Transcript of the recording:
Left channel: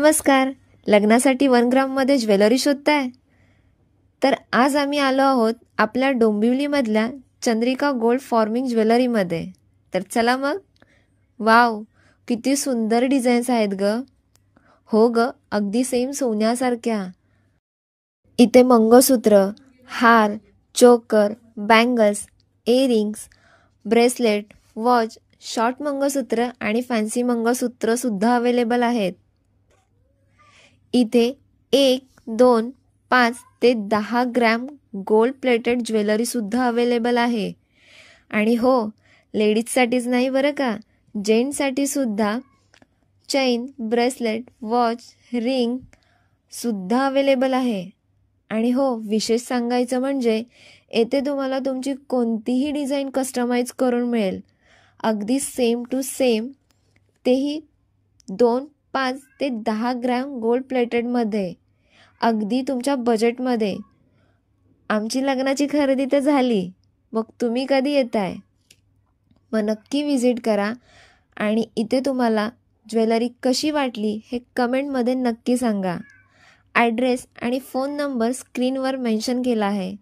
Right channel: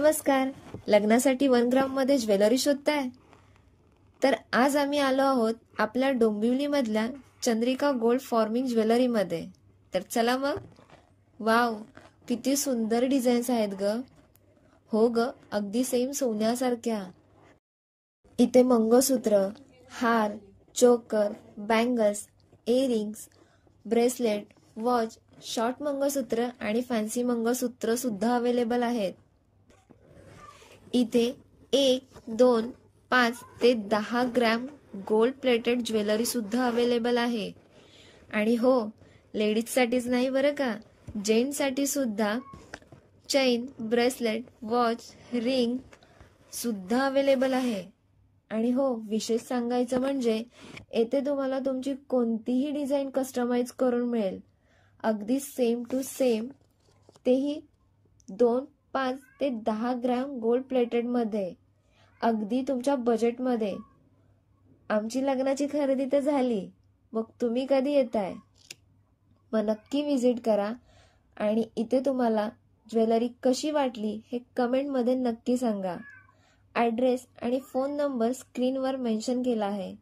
नमस्कार. लग्नासाठी 1 ग्राममध्ये ज्वेलरी शोधताय? तर आज आम्ही आलो आहोत आपल्या डोंबिवलीमधल्या चंद्रिका गोल्ड फॉर्मिंग ज्वेलरीमध्ये. तर चला मग. वाव, किती सुंदर डिझाईन्स आहेत ग. हो ग, अगदी सेम सोन्यासारख्या. इथे मंगळसूत्र, हार, choker, bangles, earrings, bracelet, watch, short mangalsutra आणि फॅन्सी मंगळसूत्र सुद्धा अवेलेबल आहेत. इथे 1, 2, 5 ते 10 ग्रॅम गोल्ड प्लेटेड ज्वेलरी सुद्धा अवेलेबल आहे. आणि हो, लेडीजसाठीच नाही बरं का, जेंट्ससाठी सुद्धा चैन, ब्रेसलेट, वॉच, रिंग सुद्धा अवेलेबल आहे. आणि हो, विशेष सांगायचं म्हणजे येथे तुम्हाला तुमची कोणतीही डिझाईन कस्टमाइज करून मिळेल, अगदी सेम टू सेम, तेही 2, 5 ते 10 ग्रॅम गोल्ड प्लेटेडमध्ये, अगदी तुमच्या बजेटमध्ये. आमची लग्नाची खरेदी तर झाली, मग तुम्ही कधी येताय? मग नक्की विजिट करा आणि इथे तुम्हाला ज्वेलरी कशी वाटली हे कमेंटमध्ये नक्की सांगा. ॲड्रेस आणि फोन नंबर स्क्रीनवर मेन्शन केला आहे.